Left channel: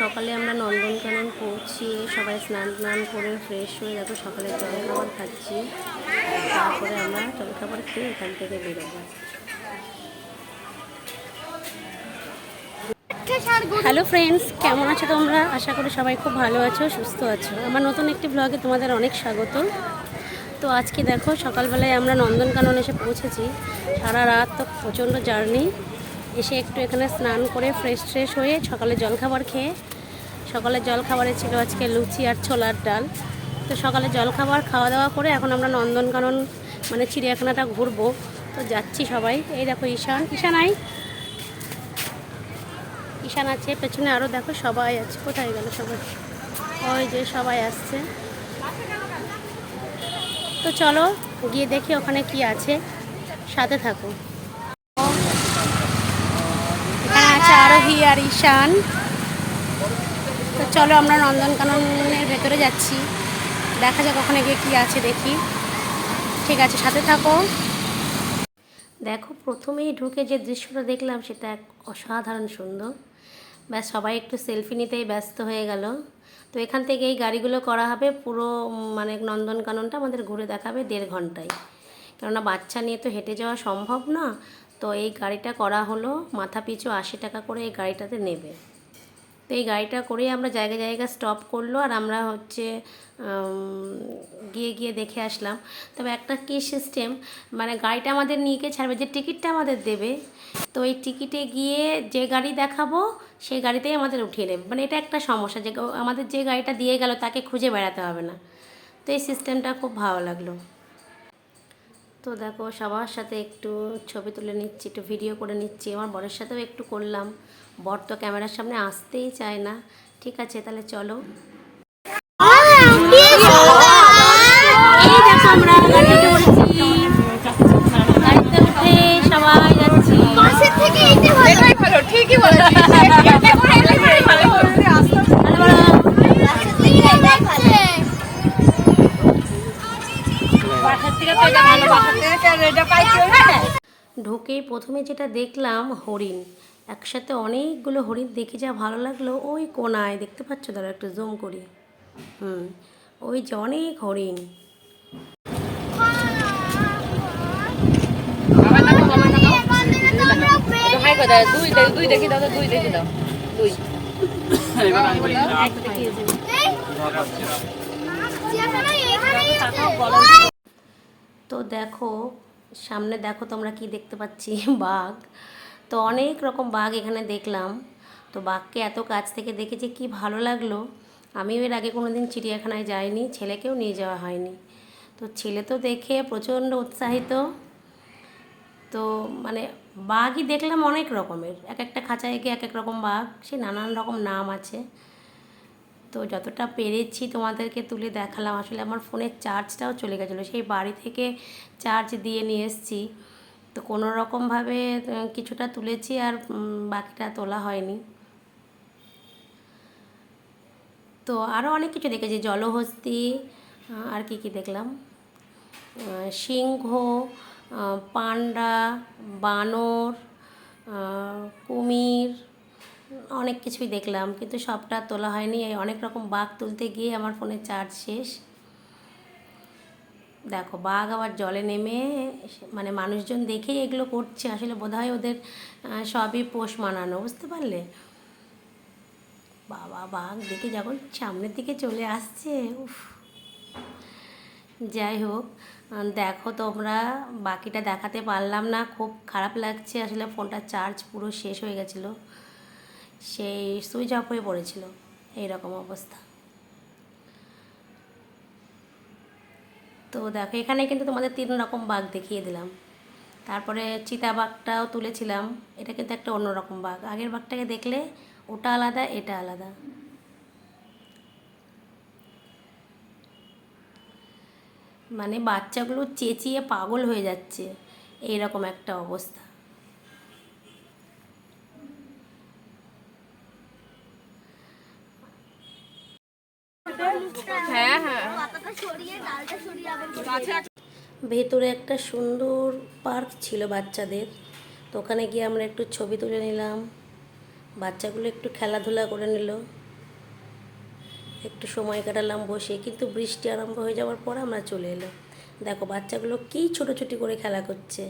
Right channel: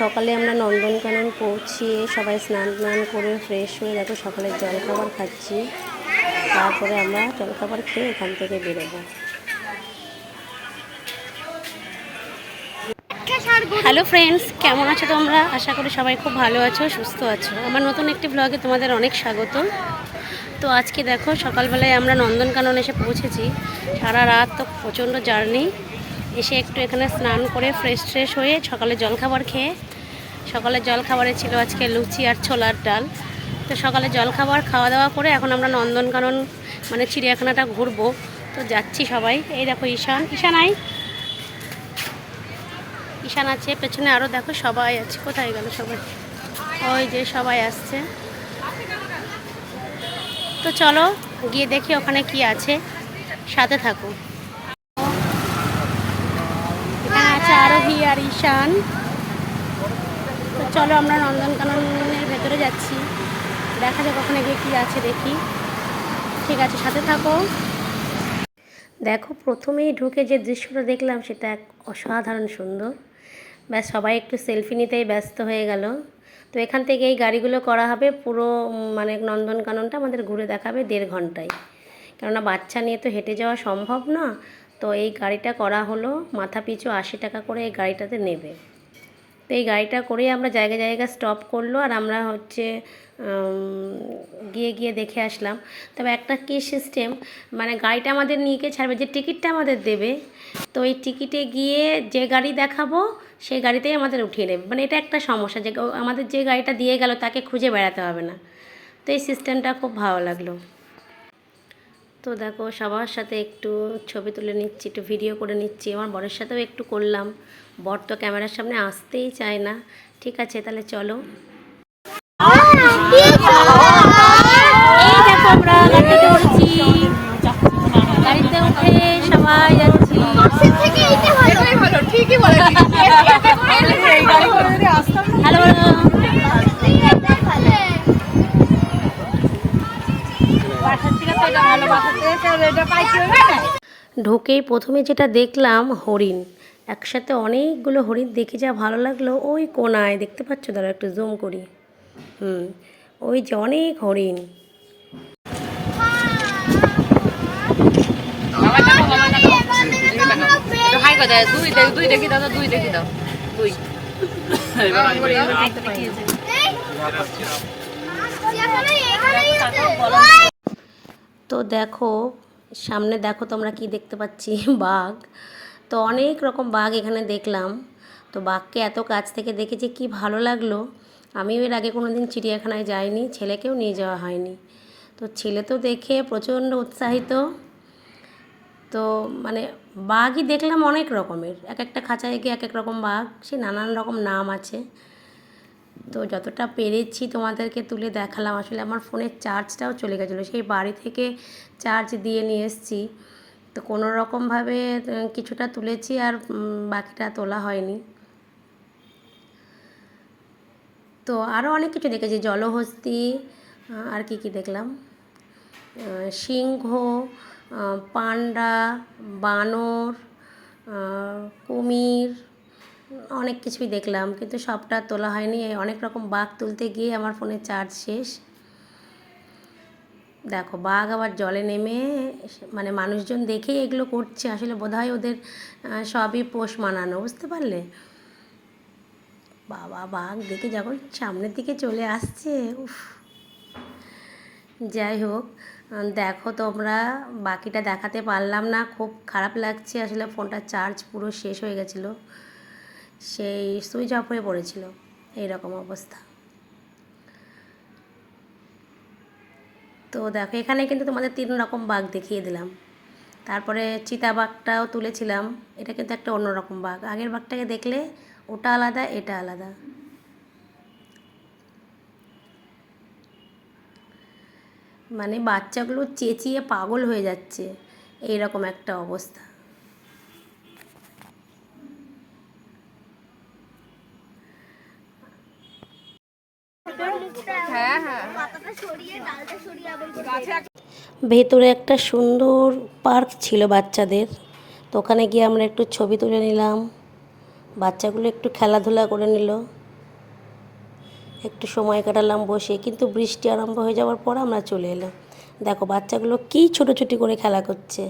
সকালে আমরা নন্দনকানন পৌঁছিয়ে সবাই স্নান টান করে ফ্রেশ হয়ে দেখো সকালে জলখাবার খাচ্ছি। তারপরে আমরা জলখাবার খেয়ে এখান থেকে বেরোবো। হ্যালো ফ্রেন্ডস কেমন আছো তোমরা? আশা করি সবাই খুব ভালো আছো, সুস্থ আছো। আমার নতুন একটি ব্লগে তোমাদের অনেক স্বাগত। তো আজকে দেখো, সকালবেলায় আমরা নন্দনকানন এসে পৌঁছেছি। সারা রাত তো প্রচণ্ড জার্নি এসে একটু এখানে স্নান করে ফ্রেশ ট্রেশ হয়ে সকালে জলখাবার খেয়ে সকালে জলখাবারে ছিল আজকে লুচি আর ছোলার ডাল। তো সকালে জলখাবার খাওয়া দাওয়া করে এখন আমরা নন্দনকানন মানে চিড়িয়াখানাটা ঘুরবো। তো যাচ্ছি সবাই। এই দেখো ঈশান। ঈশান আই ঈশান আছে, পেছনে আরও দেখো সবাই আছে। কোথায় গেল সবাই? ওই যে সবাই আসছে। তো চলো গিয়ে দেখি ওখানে কি আছে। সাথে থাকো এখানে আছে আরোহী আর ঈশান। তো চলো আমরা নন্দনকাননের ভেতরে যাচ্ছি। দেখা যাক ওখানে গিয়ে কী আছে দেখি। ঠিক আছে, সাথে থাকো। দেখো, প্রথমেই ঢুকে যে দৃশ্যটা দেখলাম সেটা এক অসাধারণ সুন্দর। ব্যাস, সবাই একটু সেলফি নিতেই ব্যস্ত হয়ে গেল। তো এখান থেকে এই গাড়িগুলো করা হবে পুরো মানে নন্দনকাননটা আমাদের ঘুরে দেখাবে দেড় ঘন্টায়। কেননা বাচ্চা নিয়ে তো হেঁটে যাওয়া সম্ভব না। তো এই গাড়িটা করা হলো, মাথা পিছু আশি টাকা করে এই গাড়িটাতে নেবে। তো এই গাড়িটা করেই আমরা জায়গা জায়গা স্টপ করল আর আমরা হচ্ছে গিয়ে গিয়ে দেখে আসলাম। তবে একটা কী সিস্টেম মানে গাড়িটা আমাদের নিয়ে গিয়ে ছাড়বে, যে টিকিটটা আমাদের দেবে, তো এই টিকিটে গিয়ে যে গাড়ি দেখাবো, সেই গাড়িতেই আমাদের উঠিয়ে নেবে। মানে এটা একটা সমস্যা যে, আমাদের যে গাড়িটা দিয়ে গেল, তাকে খুঁজে বেড়াতে হবে না। তো এই সিস্টেমটা খুব ভালো লাগল। তো দেখো সবার সাথে একটু ছবি তুলে নিচ্ছি, একটু ভিডিও করে নিচ্ছি। আমার বরের সাথেও একটু করলাম। বর তো ক্যামেরার সামনে আসতেই চায় না। ঠিক আছে, তাহলে চলো। আমরা গাড়িতে উঠে সবাই যাচ্ছি। ঠিকই বলেছিস। ঢুকেই প্রথমে যেটা দেখলাম হরিণ। একসাথে অনেকগুলো হরিণ দেখে যা ভালো লাগল। ওই কোনায় দেখতে পাচ্ছ? দাঁড়া একটু জুম করি। হুম ওই যে অনেক হরিণ। দুই দুই দেখি দাও দুই দেখি দাও দুই তো দেখো, সামনে দেখো তোমরা কি দেখতে পাচ্ছি? বাঘ। তো অনেক রকম বাঘ এখানে দেখলাম। তো বাঘকে এত কাছ থেকে দেখেছি কি ভালো লাগল। আমিও এর আগে কোনো দিন চিড়িয়াখানায় যাইনি, ছেলেকেও নিয়ে যাওয়া হয়নি। তো ছেলে তো দেখে প্রচণ্ড উৎসাহিত। তো মানে বাঘই দেখলাম অনেক রকমের। এক একটা খাঁচায় গিয়ে এক এক রকম বাঘ, সে নানান রকম নাম আছে। তো যতটা পেরেছি তোমাদেরকে তুলে দেখালাম, আসলে আমার ফোনের চার্জটাও চলে গেছিল, সেই বাড়ি থেকে চার্জ দিয়ে নিয়ে এসেছি। তো কোনো রকমভাবে কিছুটা তুলেছি আর বাকিটা তোলা হয়নি। তো আরও অনেক কিছু দেখেছি, জলহস্তি আর কি কি দেখলাম? সিংহ পান্ডা, বানর কুমির অনেক কিছুই দেখলাম, কিন্তু সবটা তোলা হয়নি। এই অনেক রকম বাঘ তুলতে গিয়ে আমার ফোনে চার্জ শেষ। দেখো, বাঘ আবার জলে নেমে মানে মানুষজন দেখেই এগুলো করছে। আসলে বোধহয় ওদের সবই পোষ মানানো, বুঝতে পারলে? বাবা, বাঘ দেখে যখন সামনের দিকে চলে আসছে, উফ। যাই হোক দেখো তোমরা, বাকিটা দেখাতে পারলাম না। খুব খারাপ লাগছে, আসলে ফোনটার চার্জ পুরো শেষ হয়ে গেছিল। সেই সুইচ অফ হয়ে পড়েছিল। এইরকম অবস্থা। তো দেখো, এখানে কিন্তু তোমাদের তিন রকম বাঘ দেখিয়ে দিলাম। তারপরে চিতা বাঘটাও তুলেছিলাম। এটা কিন্তু একটা অন্যরকম বাঘ। আগের বাঘটাকে দেখলে ওটা আলাদা, এটা আলাদা। মানে বাচ্চাগুলো চেঁচিয়ে পাগল হয়ে যাচ্ছে। এইরকম একটা অবস্থা। হ্যাঁ হ্যাঁ। ভেতরে একটা সুন্দর পার্ক ছিল বাচ্চাদের। তো ওখানে গিয়ে আমরা একটু ছবি তুলে নিলাম। বাচ্চাগুলো একটু খেলাধুলা করে নিল। একটু সময় কাটালাম বসে, কিন্তু বৃষ্টি আরম্ভ হয়ে যাওয়ার পর আমরা চলে এলাম। দেখো, বাচ্চাগুলো কি ছোটোছুটি করে খেলা করছে।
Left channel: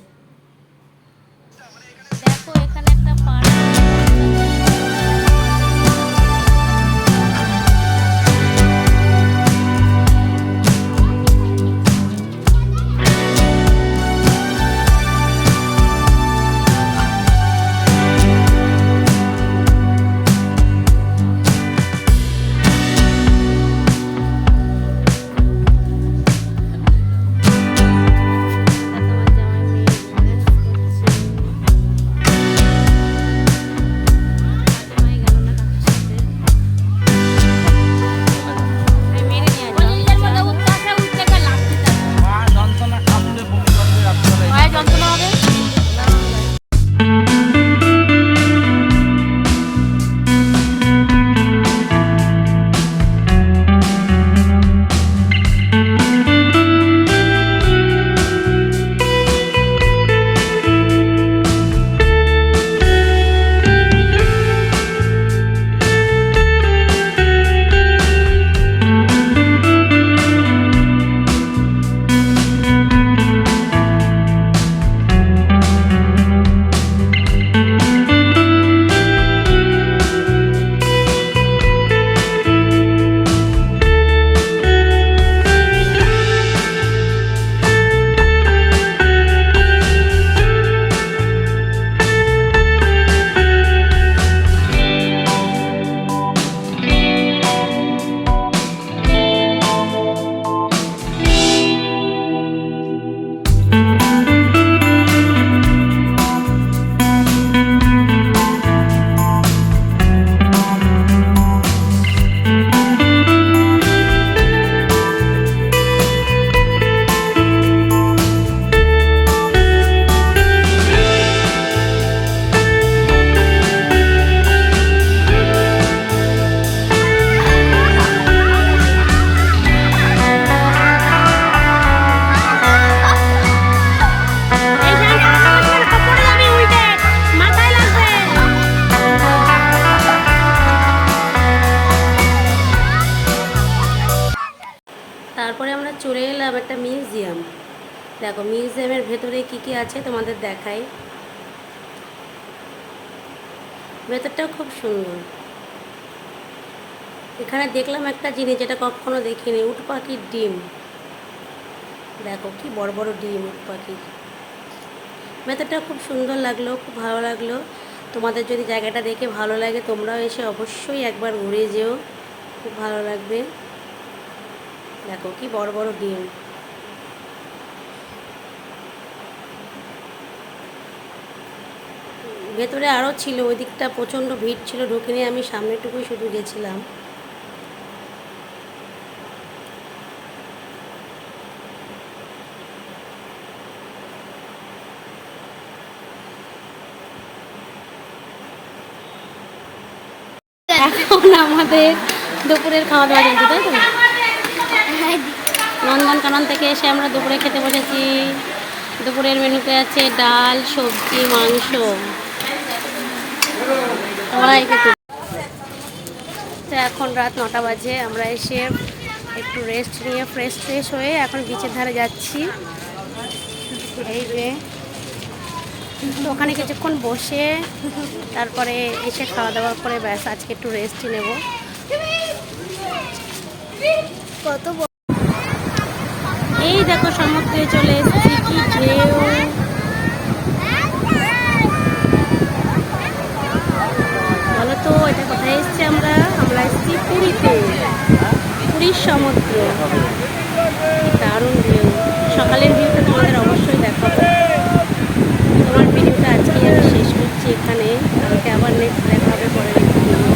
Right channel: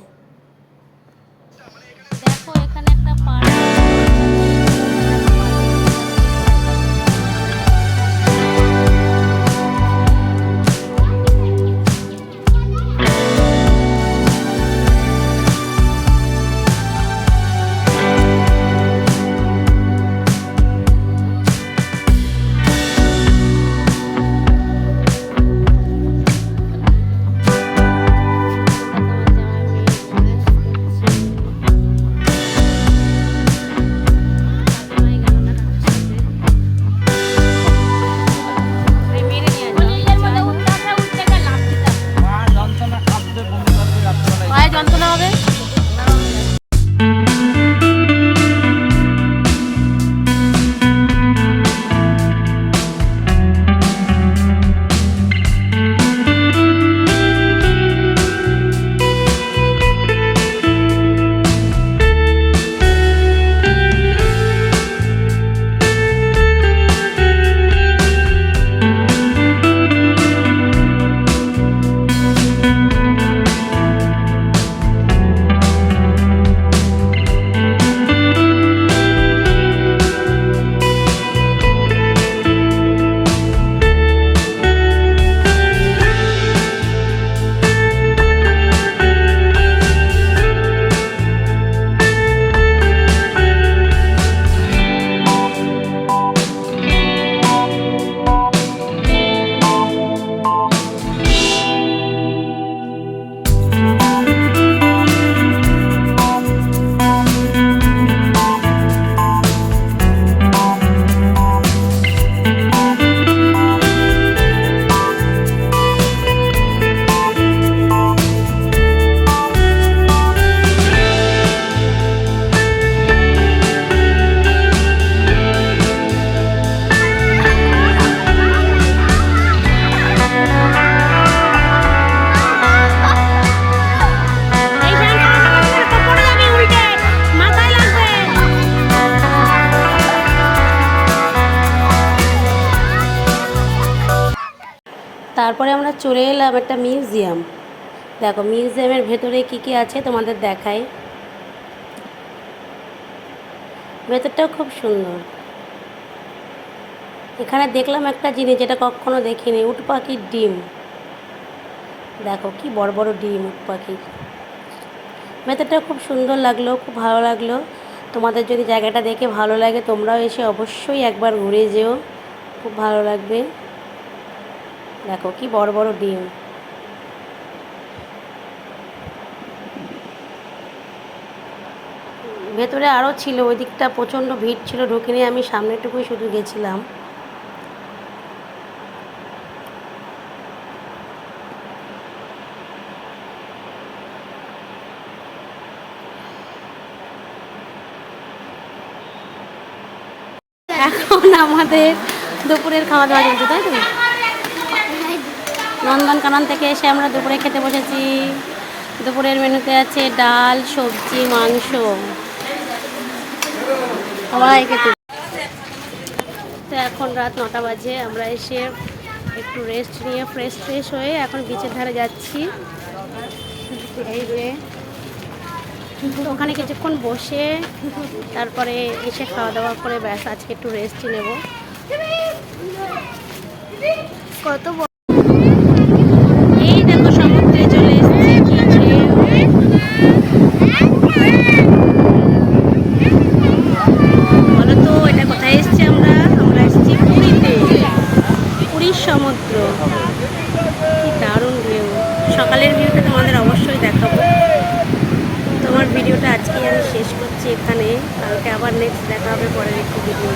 তারপরে আমরা চলে এলাম একটা মিউজিয়াম। দেখো, মিউজিয়ামের ভেতরে কি কি আছে তোমাদের দেখাই। ভেতরটাও খুব সুন্দর। এখানে দেখলাম একটা জিনিস যেটা কখনো দেখিনি, উট পাখির ডিম। দেখো, কি বড় বড় ডিম, উট পাখির। ভেতরটা খুব সুন্দর লাগল, খুব ভালো লাগল। তোমাদের যদি জায়গাটা দেখে ভালো লাগে, তোমরাও এসে অবশ্যই একবার ঘুরে যেও। খুব ভালো লাগবে। দেখো, কি বড় বড় ডিম। ভেতরে আরও ছিল, ওই দিকটা প্রচণ্ড ভিড় ছিল, ঢুকিনি আমি, সামনেটুকুই শুধু গেছিলাম। এখন আমাদের দুপুরের খাওয়া দাওয়া চলছে, তাই তো? নন্দনকানন থেকে এসে আমরা দুপুরে খেতে বসেছি। দুপুরের মেনুতে আছে ডাল, সবজি, মাংস। সবাই খেতে তো এখন রাত নটা বাজে, আমরা এসে একটু রেস্ট নিয়ে ফ্রেশ ফ্রেশ হয়ে এখন বিচের ধারে যাচ্ছি। তো ওখানে কিছুক্ষণ বসে, তারপরে এসে খাওয়া দাওয়া করে ব্যাস আজকে একটু রেস্ট নেব। কত এই দেখো সমুদ্রে চলে এসেছি কি ঢেউ বলো তো এটা কোথায় এসেছি আমরা আমরা এসেছি পুরীতে পুরীর সমুদ্র কি দারুণ ভিউ সকালের ভিউটা তোমাদের অবশ্যই দেখাবো। তোমার ভিডিওটা আজকে আমি শেষ করছি এখানে। কালকে আবার নেক্সট দেখা হবে পরের একটি ভিডিও